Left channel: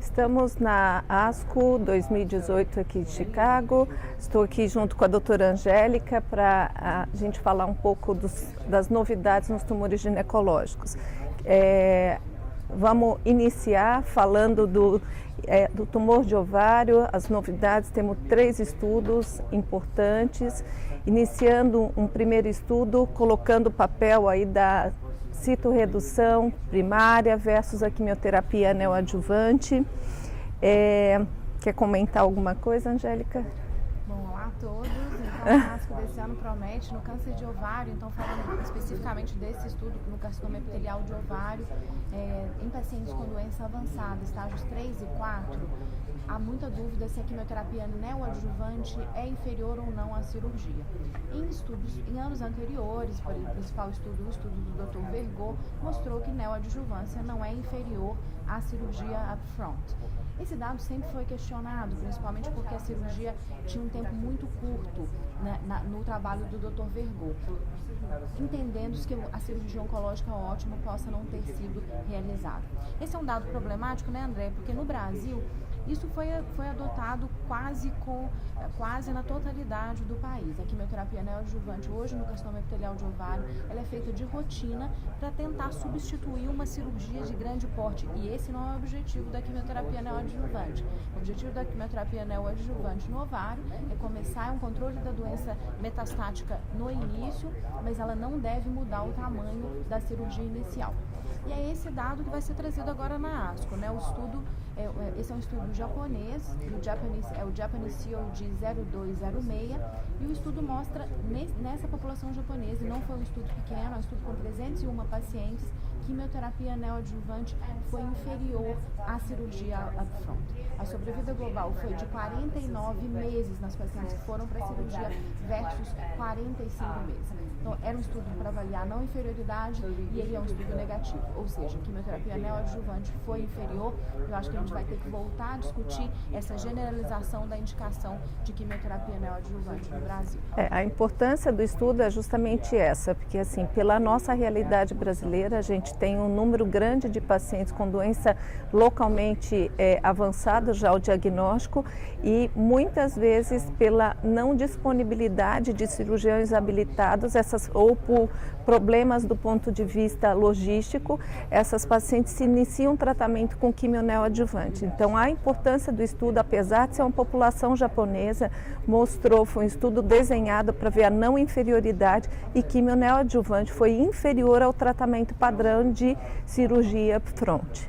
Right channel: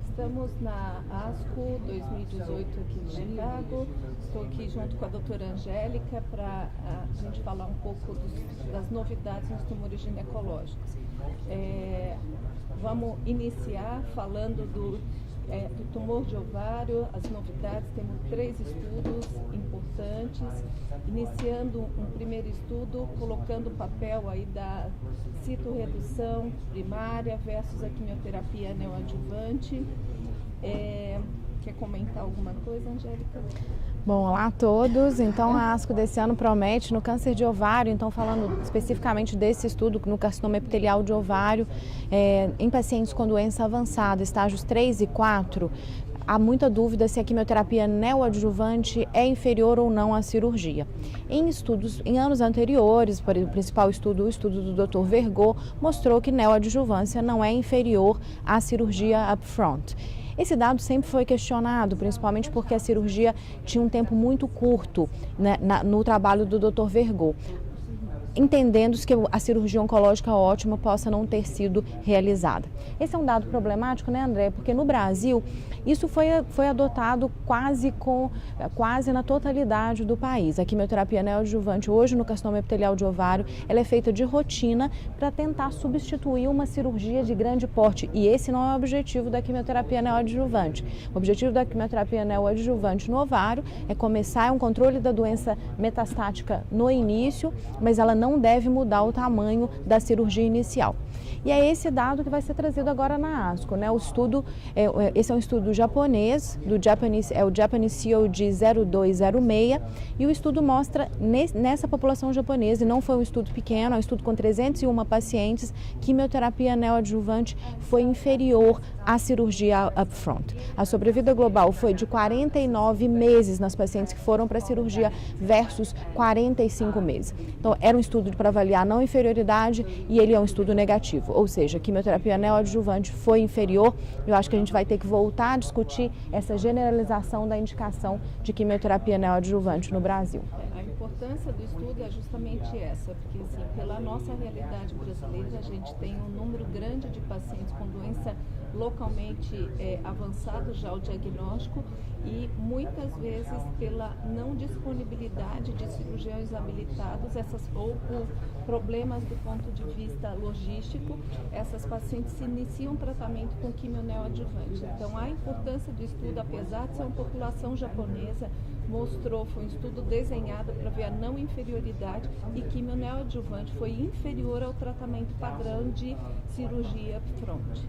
Estamos na ASCO 2018 aqui de Chicago. Estou aqui junto com a doutora Angélica para a gente falar um pouco das novidades nos tumores ginecológicos. Vamos iniciar falando do tumor de ovário, as novidades. Temos 3 estudos importantes, iniciando um primeiro estudo, colocando o papel aí da citorredução primária versus a quimioterapia neoadjuvante. Quer comentar alguma coisa, Angélica? Bom, olá a todos. Então, a ASCO desse ano promete no câncer de ovário, então falando especificamente desse estudo no carcinoma epitelial de ovário, em pacientes com doença avançada, estágios 3 e 4, há muita dúvida se a quimioterapia neoadjuvante é inferior ou não à cirurgia. Em anos anteriores, o principal estudo, o estudo do Dr. Vergor, mostrou que neoadjuvância não é inferior à cirurgia upfront. Esse dado sempre foi questionado, principalmente porque a cirurgia tinha um tempo muito curto, né, no trabalho do Dr. Vergor, entendendo que a cirurgia oncológica ótima possa não ter sido realizada. Esse é um dado problemático, né, André? Porque no Brasil isso foi adotado quase na totalidade do país. A quimioterapia neoadjuvante hoje no carcinoma epitelial de ovário, ela é feita de rotina para tentar substituir uma cirurgia de grande porte. E esse não é o objetivo da quimioterapia neoadjuvante. O objetivo da quimioterapia neoadjuvante no ovário é começar um controle da doença metastática no início, mas ela não deve mudar o tamanho da cirurgia inicial. E é esse dado que vai ser trazido agora na ASCO, né? Esse é um estudo japonês, o Japanese COG 0206, e o estudo mostra nessa população japonesa, e não foi um estudo pequeno, é um estudo com 301 pacientes, quimioterapia neoadjuvante foi inferior à cirurgia upfront. A sobrevida global foi de 49 meses nas pacientes que foram para a cirurgia versus 45 meses. Então, era um estudo para avaliar não inferioridade e ele é um estudo negativo, ou seja, a quimioterapia neoadjuvante foi inferior. Eu acho que a gente vai ter que voltar a discutir essa generalização da indicação de quimioterapia neoadjuvante no Brasil. A importância do estudo é justamente essa, porque assim, pela nossa realidade brasileira, a gente tem um número grande de pacientes com doença localmente avançada, já o diagnóstico, e muitas vezes pela não disponibilidade de cirurgiões habilitados, ou por problemas do ponto de vista logístico, essas pacientes se iniciam tratamento com quimio neoadjuvante. Então, a importância do estudo, apesar de ser uma população japonesa, foi um estudo desenhado para ver a não inferioridade, e quimio neoadjuvante foi inferior ao tratamento padrão de cirurgia upfront.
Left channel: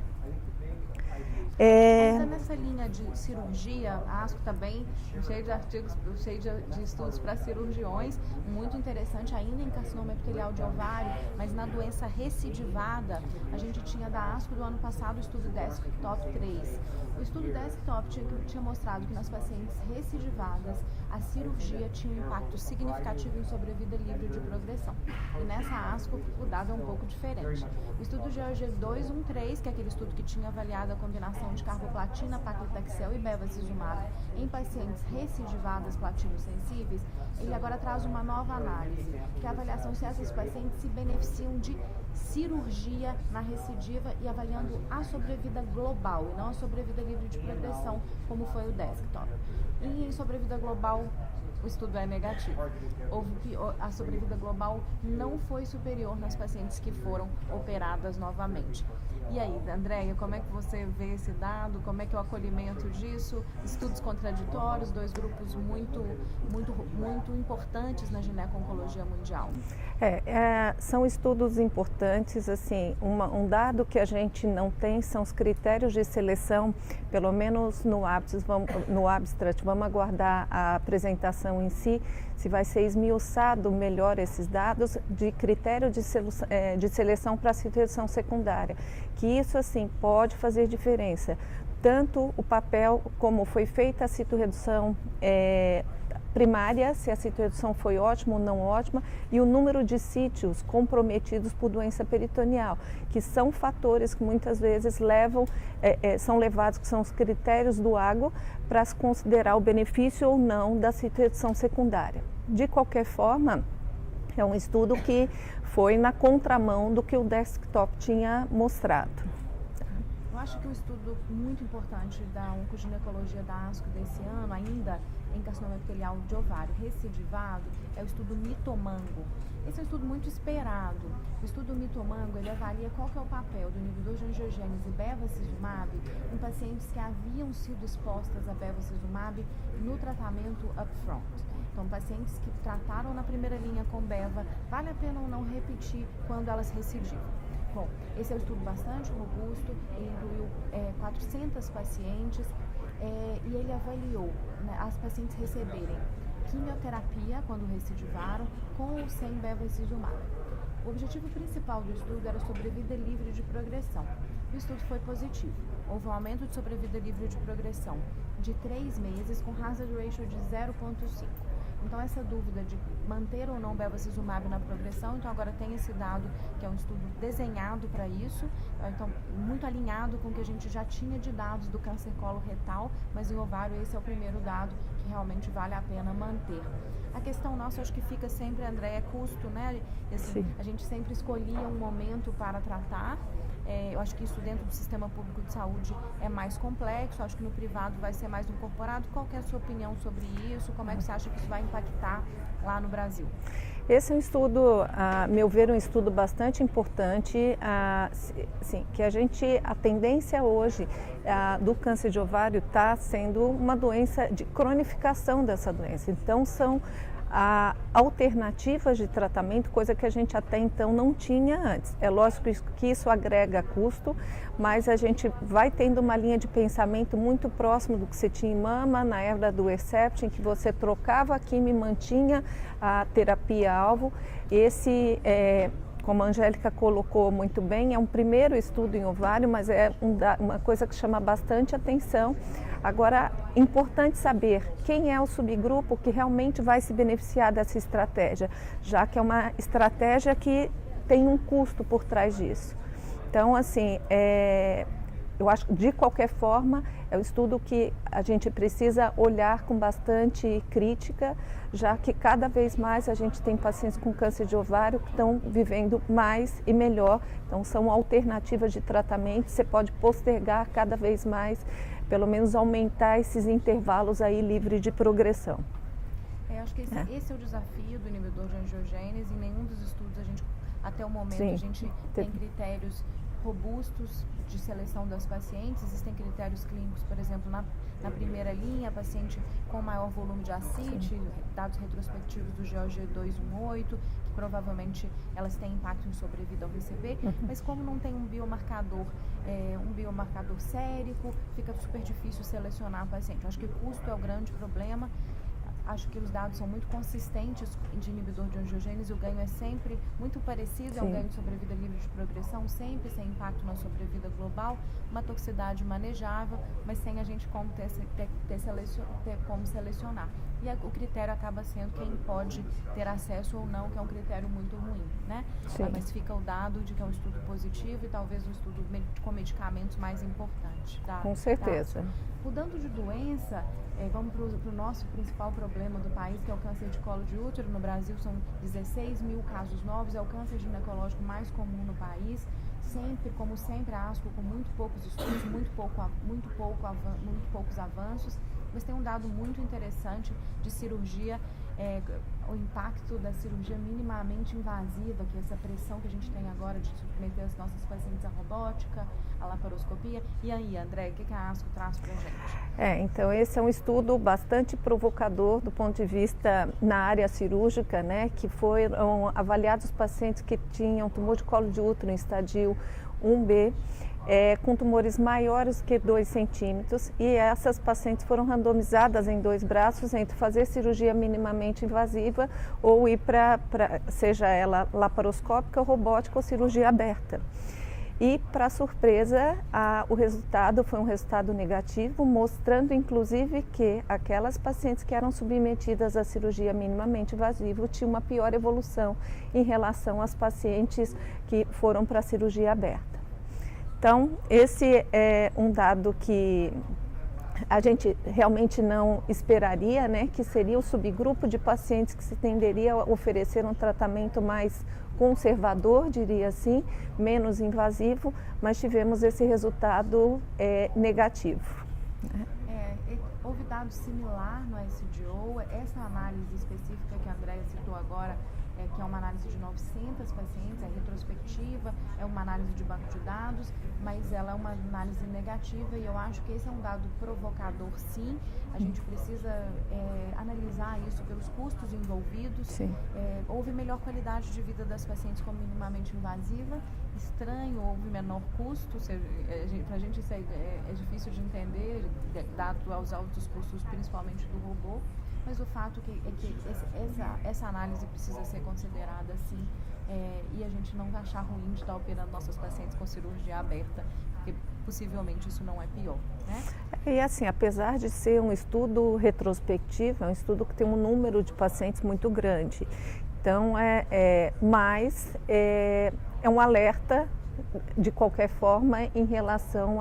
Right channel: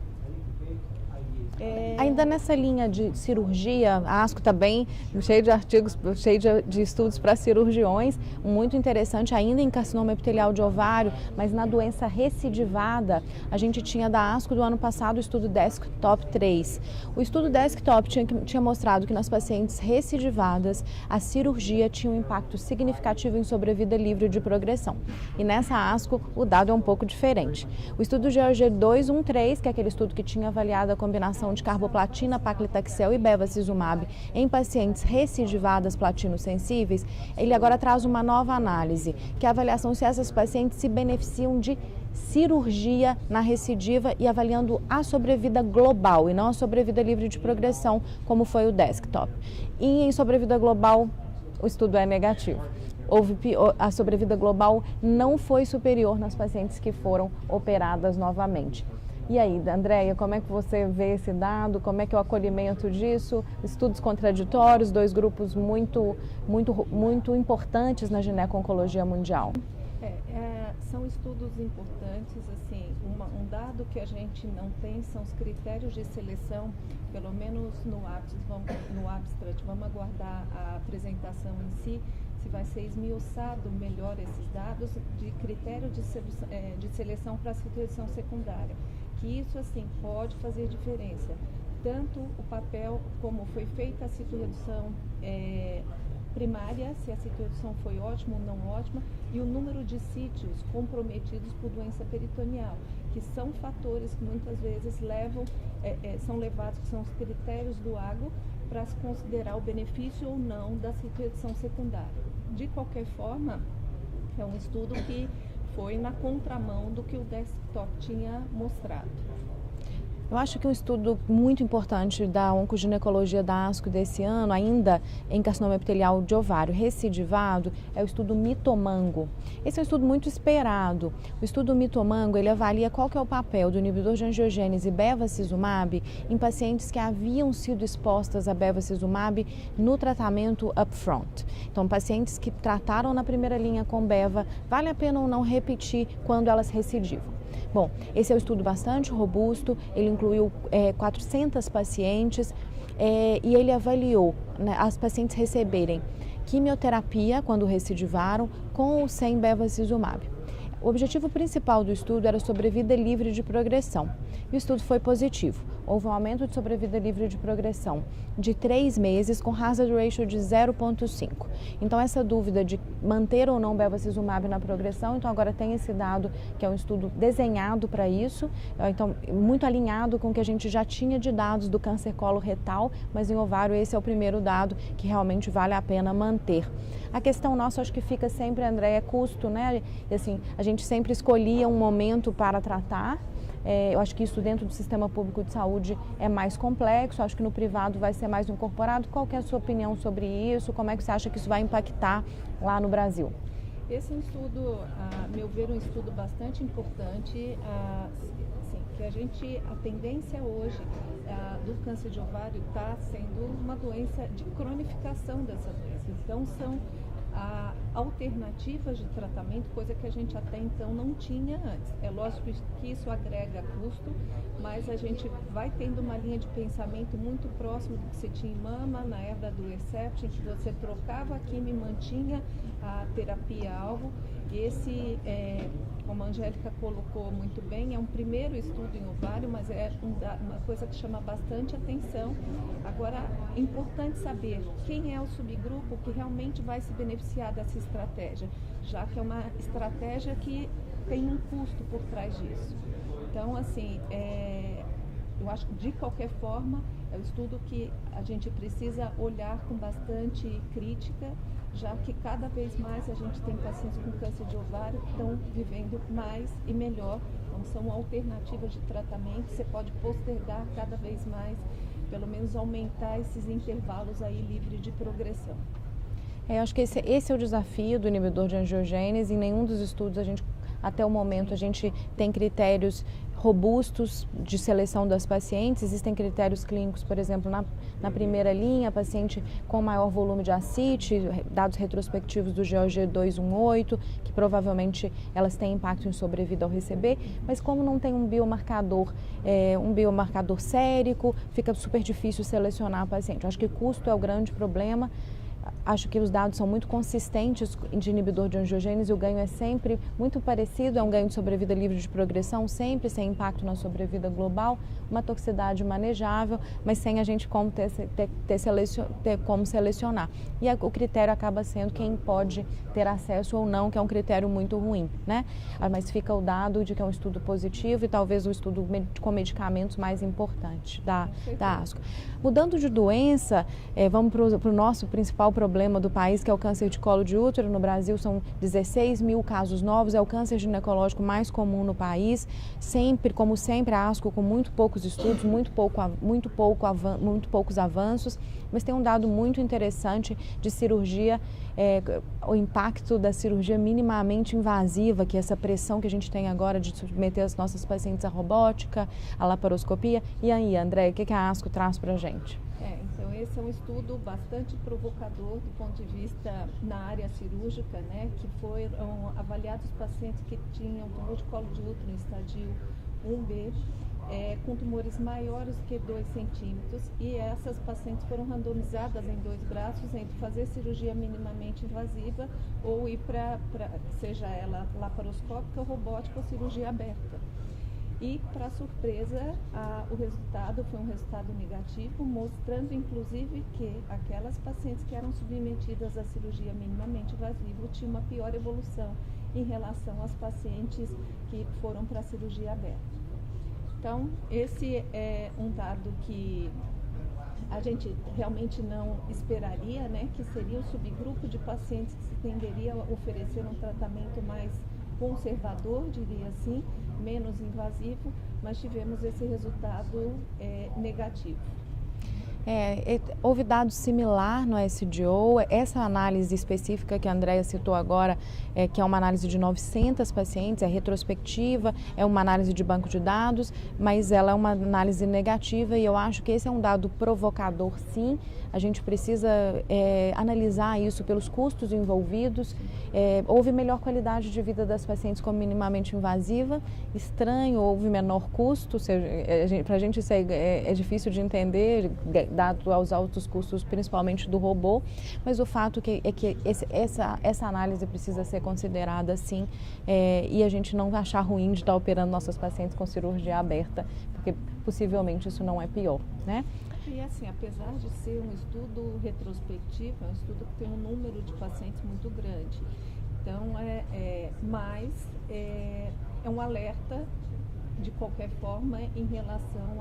Ainda nessa linha de cirurgia, a ASCO está bem cheio de artigos, cheio de estudos para cirurgiões, muito interessante ainda em carcinoma epitelial de ovário, mas na doença recidivada, a gente tinha da ASCO do ano passado o estudo Desktop 3. O estudo Desktop tinha mostrado que nas pacientes recidivadas, a cirurgia tinha um impacto significativo em sobrevida livre de progressão. E nessa ASCO, o dado é um pouco diferente. O estudo GOG 213, que é aquele estudo que tinha avaliado a combinação de carboplatina, paclitaxel e bevacizumab em pacientes recidivadas platino-sensíveis, ele agora traz uma nova análise, que é a avaliação se essas pacientes se beneficiam de cirurgia na recidiva e avaliando a sobrevida global e não a sobrevida livre de progressão, como foi o Desktop. E em sobrevida global, o estudo é negativo. A sobrevida global não foi superior nas pacientes que foram operadas novamente. E aí, Andréia, como é que você vê esse dado? Como é que é o acolhimento disso? Estudos contraditórios, 2 grupos muito importantes na gineco-oncologia mundial. São estudos importantes, assim, um dado que a gente não tem são os critérios de seleção, pelo menos no abstract, vamos aguardar a apresentação em si, se vai ser esmiuçado melhor esses dados de critério de seleção para a situação secundária, que isso, assim, pode fazer diferença. tanto o papel como foi feita a citorredução primária, se a citorredução foi ótima ou não ótima, e o número de sítios comprometidos por doença peritoneal, que são fatores que muitas vezes são levados, que são os critérios do AGO, para se considerar o benefício ou não da citorredução secundária. De qualquer forma, é um estudo que foi na contramão do que o desktop tinha mostrado. Eu acho que um estudo muito importante da oncoginecologia da ASCO desse ano, ainda em carcinoma epitelial de ovário recidivado, é o estudo Mitomango. Esse é um estudo muito esperado. O estudo Mitomango, ele avalia qual que é o papel do inibidor de angiogênese bevacizumab em pacientes que haviam sido expostas a bevacizumab no tratamento upfront. Então, pacientes que trataram na primeira linha com beva, vale a pena ou não repetir quando elas recidivam? Bom, esse é um estudo bastante robusto, ele incluiu 400 pacientes e ele avaliou, né, as pacientes receberem quimioterapia quando recidivaram com ou sem bevacizumab. O objetivo principal do estudo era sobrevida livre de progressão e o estudo foi positivo. Houve um aumento de sobrevida livre de progressão de 3 meses com hazard ratio de 0,5. Então, essa dúvida de manter ou não bevacizumab na progressão, então agora tem esse dado que é um estudo desenhado para isso, então muito alinhado com o que a gente já tinha de dados do câncer coloretal, mas em ovário esse é o primeiro dado que realmente vale a pena manter. A questão nossa, acho que fica sempre, André, é custo, né? E, assim, a gente sempre escolhia um momento para tratar. Eu acho que isso dentro do sistema público de saúde é mais complexo, acho que no privado vai ser mais incorporado. Qual que é a sua opinião sobre isso? Como é que você acha que isso vai impactar lá no Brasil? Esse é um estudo, a meu ver, um estudo bastante importante, que a tendência hoje do câncer de ovário está sendo uma doença de cronificação dessa doença. Então, são alternativas de tratamento, coisa que a gente até então não tinha antes. É lógico que isso agrega custo, mas a gente vai tendo uma linha de pensamento muito próximo do que você tinha em mama, na era do Herceptin, em que você trocava a quimio e mantinha a terapia-alvo. Esse, como a Angélica colocou muito bem, é um primeiro estudo em ovário, mas é uma coisa que chama bastante atenção. Agora, importante saber quem é o subgrupo que realmente vai se beneficiar dessa estratégia, já que é uma estratégia que tem um custo por trás disso. Então, assim, eu acho que de qualquer forma é um estudo que a gente precisa olhar com bastante crítica, já que cada vez mais a gente tem pacientes com câncer de ovário que estão vivendo mais e melhor. Então, são alternativas de tratamento, você pode postergar cada vez mais, pelo menos aumentar esses intervalos aí livres de progressão. Eu acho que esse é o desafio do inibidor de angiogênese. Em nenhum dos estudos, até o momento, a gente tem critérios robustos de seleção das pacientes. Existem critérios clínicos, por exemplo, na primeira linha, paciente com maior volume de ascite, dados retrospectivos do GOG 218, que provavelmente elas têm impacto em sobrevida ao receber, mas como não tem um biomarcador sérico, fica super difícil selecionar a paciente. Eu acho que custo é o grande problema. Acho que os dados são muito consistentes de inibidor de angiogênese, o ganho é sempre muito parecido, é um ganho de sobrevida livre de progressão, sempre sem impacto na sobrevida global, uma toxicidade manejável, mas sem a gente ter como selecionar. E o critério acaba sendo quem pode ter acesso ou não, que é um critério muito ruim, né? Mas fica o dado de que é um estudo positivo e talvez o estudo com medicamentos mais importante da ASCO. Mudando de doença, vamos para o nosso principal problema do país, que é o câncer de colo de útero. No Brasil são 16 mil casos novos, é o câncer ginecológico mais comum no país. Como sempre, a ASCO com muito poucos estudos, muito poucos avanços, mas tem um dado muito interessante de cirurgia, o impacto da cirurgia minimamente invasiva, que é essa pressão que a gente tem agora de submeter as nossas pacientes à robótica, à laparoscopia. E aí, André, o que a ASCO traz para a gente? Então esse é um estudo bastante provocador do ponto de vista na área cirúrgica, né, que foram avaliados pacientes que tinham tumor de colo de útero em estadio 1B, com tumores maiores que 2 centímetros, e essas pacientes foram randomizadas em 2 braços entre fazer cirurgia minimamente invasiva ou ir seja ela laparoscópica, robótica ou cirurgia aberta. e, para surpresa, o resultado foi um resultado negativo, mostrando inclusive que aquelas pacientes que eram submetidas à cirurgia minimamente invasiva tinham uma pior evolução em relação às pacientes que foram para a cirurgia aberta. Então, esse é um dado que a gente realmente não esperaria, né, que seria o subgrupo de pacientes que se tenderia a oferecer um tratamento mais conservador, diria assim, menos invasivo, mas tivemos esse resultado negativo. Houve dado similar no SDO, essa análise específica que a Andréia citou agora, que é uma análise de 900 pacientes, é retrospectiva, é uma análise de banco de dados, mas ela é uma análise negativa e eu acho que esse é um dado provocador, sim. A gente precisa analisar isso pelos custos envolvidos. Houve melhor qualidade de vida das pacientes com minimamente invasiva, estranho, houve menor custo, para a gente isso é difícil de entender, dado aos altos custos, principalmente do robô, mas o fato é que essa análise precisa ser considerada sim, e a gente não achar ruim de estar operando nossas pacientes com cirurgia aberta, porque possivelmente isso não é pior, né? E assim, apesar de ser um estudo retrospectivo, é um estudo que tem um número de pacientes muito grande. Então, mas é um alerta, de qualquer forma, em relação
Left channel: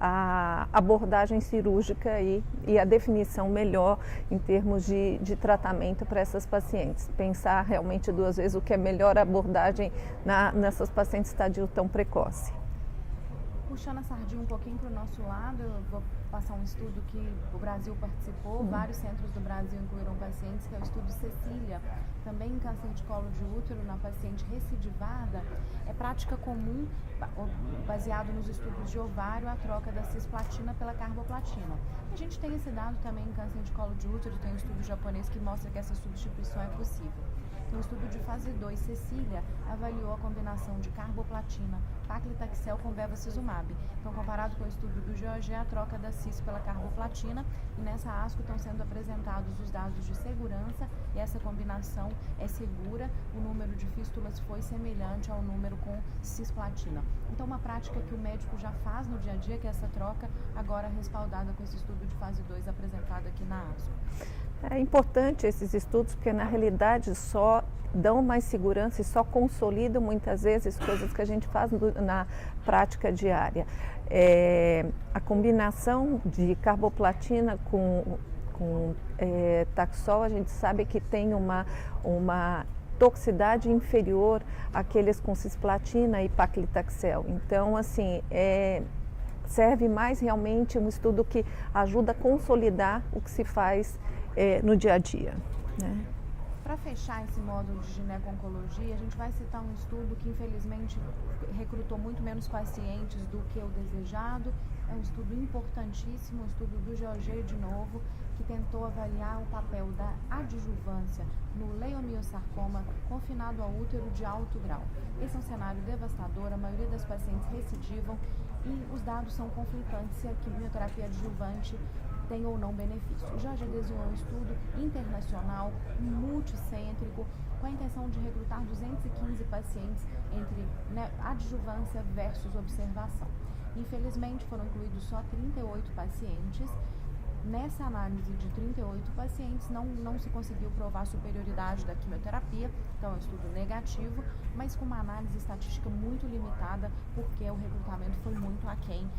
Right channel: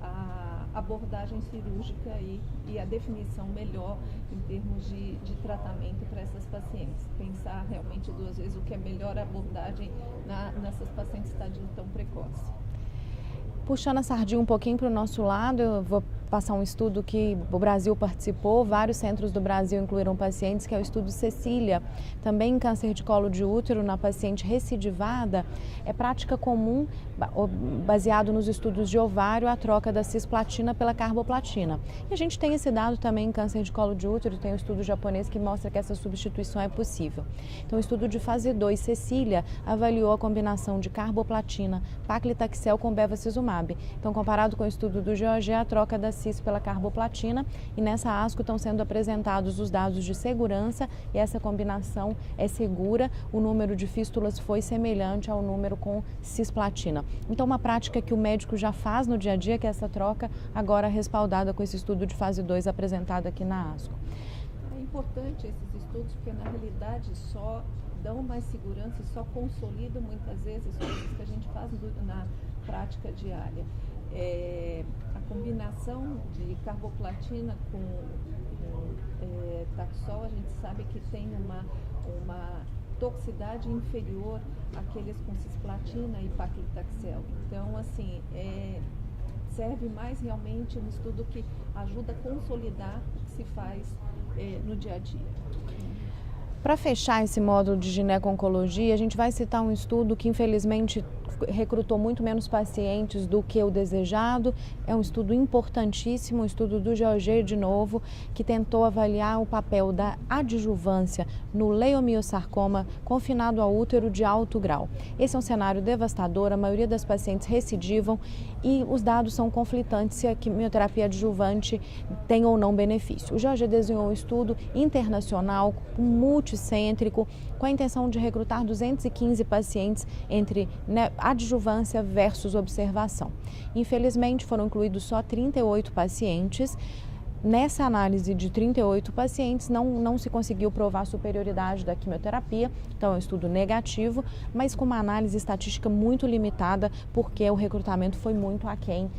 à abordagem cirúrgica e a definição melhor em termos de tratamento para essas pacientes. Pensar realmente duas vezes o que é melhor abordagem nessas pacientes em estadio tão precoce. Puxando a sardinha um pouquinho para o nosso lado, eu vou passar um estudo que o Brasil participou, vários centros do Brasil incluíram pacientes, que é o estudo Cecília, também em câncer de colo de útero na paciente recidivada. É prática comum, baseado nos estudos de ovário, a troca da cisplatina pela carboplatina. E a gente tem esse dado também em câncer de colo de útero, tem um estudo japonês que mostra que essa substituição é possível. Então, o estudo de fase 2, Cecília, avaliou a combinação de carboplatina, paclitaxel com bevacizumab. Então, comparado com o estudo do GOG, a troca da cis pela carboplatina, e nessa ASCO estão sendo apresentados os dados de segurança e essa combinação é segura, o número de fístulas foi semelhante ao número com cisplatina. Então, uma prática que o médico já faz no dia a dia, que é essa troca, agora respaldada com esse estudo de fase 2 apresentado aqui na ASCO. É importante esses estudos porque, na realidade, só dão mais segurança e só consolidam muitas vezes coisas que a gente faz na prática diária. A combinação de carboplatina com Taxol, a gente sabe que tem uma toxicidade inferior àqueles com cisplatina e paclitaxel. Então, assim, serve mais realmente um estudo que ajuda a consolidar o que se faz no dia a dia, né? Para fechar esse módulo de gineco-oncologia, a gente vai citar um estudo que infelizmente recrutou muito menos pacientes do que o desejado. É um estudo importantíssimo, um estudo do GOG de novo, que tentou avaliar o papel da adjuvância no leiomiosarcoma confinado ao útero de alto grau. Esse é um cenário devastador, a maioria das pacientes recidivam e os dados são conflitantes se a quimioterapia adjuvante tem ou não benefício. O GOG desenhou um estudo internacional, multicêntrico, com a intenção de recrutar 215 pacientes entre adjuvância versus observação. Infelizmente, foram incluídos só 38 pacientes. Nessa análise de 38 pacientes, não se conseguiu provar a superioridade da quimioterapia, então é um estudo negativo, mas com uma análise estatística muito limitada, porque o recrutamento foi muito aquém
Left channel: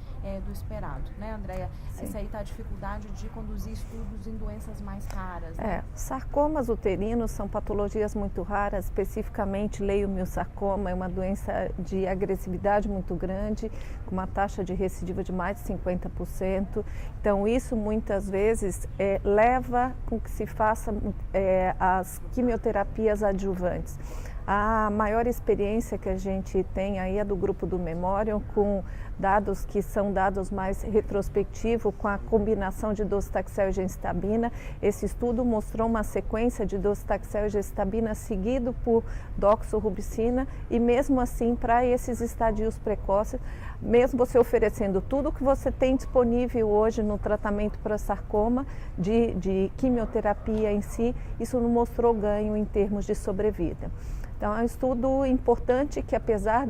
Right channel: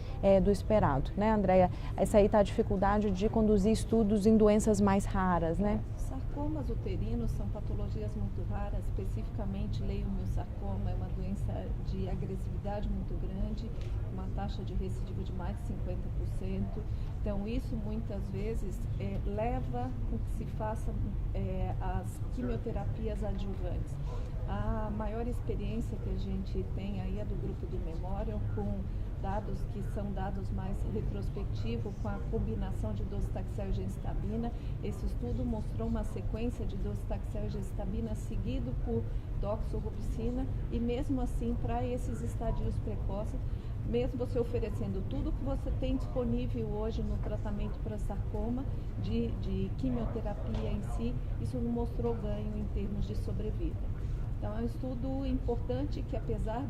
do esperado, né, Andréia? Essa aí está a dificuldade de conduzir estudos em doenças mais raras, né? Sarcomas uterinos são patologias muito raras, especificamente leiomiosarcoma, é uma doença de agressividade muito grande, com uma taxa de recidiva de mais de 50%. Então, isso muitas vezes leva com que se faça as quimioterapias adjuvantes. A maior experiência que a gente tem aí é do grupo do Memorial, com dados que são dados mais retrospectivos, com a combinação de docetaxel e gemcitabina. Esse estudo mostrou uma sequência de docetaxel e gemcitabina seguido por doxorubicina, e mesmo assim, para esses estadios precoces, mesmo você oferecendo tudo que você tem disponível hoje no tratamento para sarcoma, de quimioterapia em si, isso não mostrou ganho em termos de sobrevida. Então, é um estudo importante que, apesar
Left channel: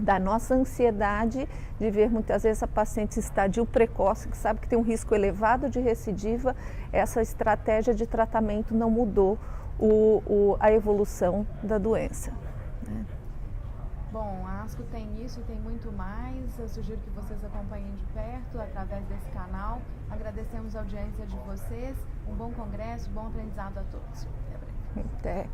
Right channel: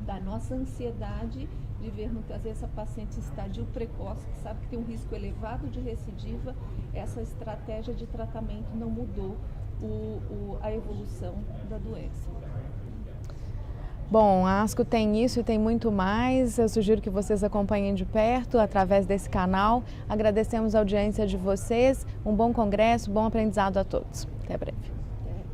da nossa ansiedade de ver muitas vezes a paciente em estadio precoce, que sabe que tem um risco elevado de recidiva, essa estratégia de tratamento não mudou a evolução da doença. Bom, a ASCO tem isso e tem muito mais. Eu sugiro que vocês acompanhem de perto através desse canal. Agradecemos a audiência de vocês. Um bom congresso, bom aprendizado a todos. Até breve. Até.